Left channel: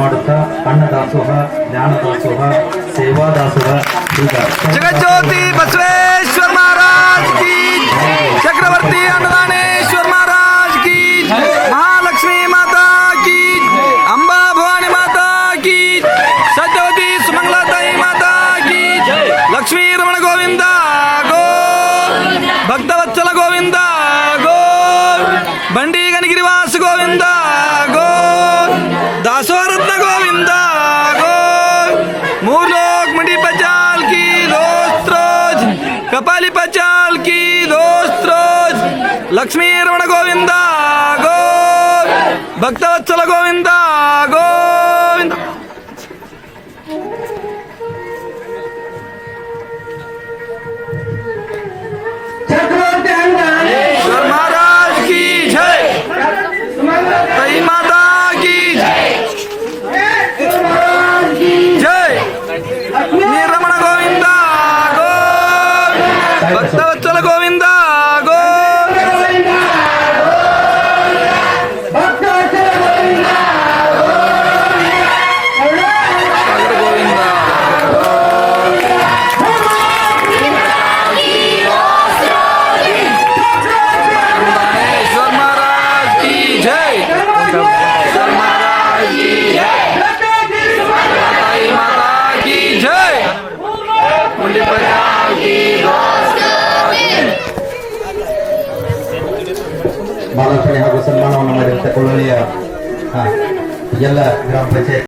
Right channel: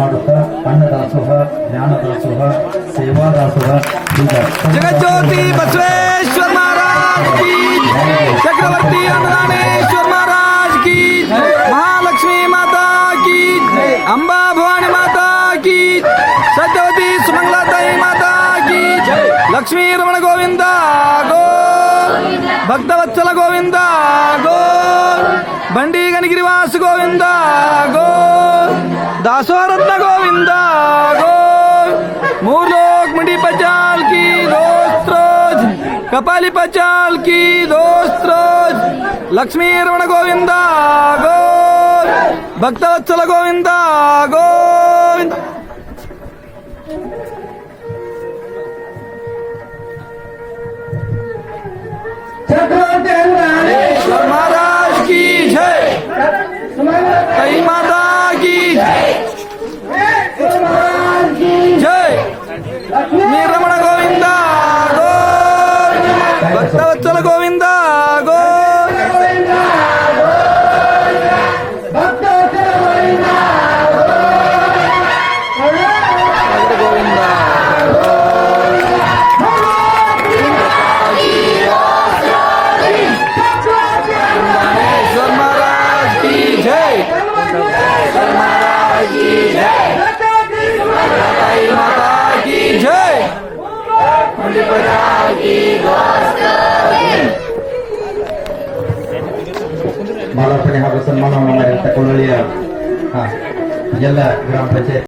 ಮಾಡುತ್ತಾ ಅನ್ನದಾಸೋಹ, ಜ್ಞಾನದಾಸೋಹ, ಸೇವಾದಾಸೋಹ ಈಗ जगज्योति बसवेश्वर महाराज की, चक्रवर्ती अन्नदानेश्वर महाराज की, महालक्ष्मी माता की, अंबा भवानी माता की, सत्यवती सुमंगलाताई माता की, लक्ष्मी रमण गोविंदा गो, भक्तवत्सल गोविंदा गो, बंडी गणगिरिवास गोविंदा गो, दासोरत्न गोविंदा गो, मूर्लोक मंडी पचाल की दोस्त रोज, कपाली पचाल की दोस्त रोज, लक्ष्मी रमण गोविंदा गो, भक्तवत्सल गोविंदा गोविंदा। ईश्वर महाराज की जय, तई माता की जय, रमण गोविंदा गो, भक्तवत्सल गोविंदा गो, सागर गोविंदा ईश्वर महाराज की जय, ईश्वर महाराज की जय, माताई माता की जय, मंडी पचाल की दोस्त ಮಾಲಾರ್ಪಣೆ ಹಾಗೂ ಸನ್ಮಾನವನ್ನು ಮಾಡಿದಂಥ ಕೊಳ್ಳಳಿಯ ಎಲ್ಲ ಗ್ರಾಮ ಪಂಚಾಯತ್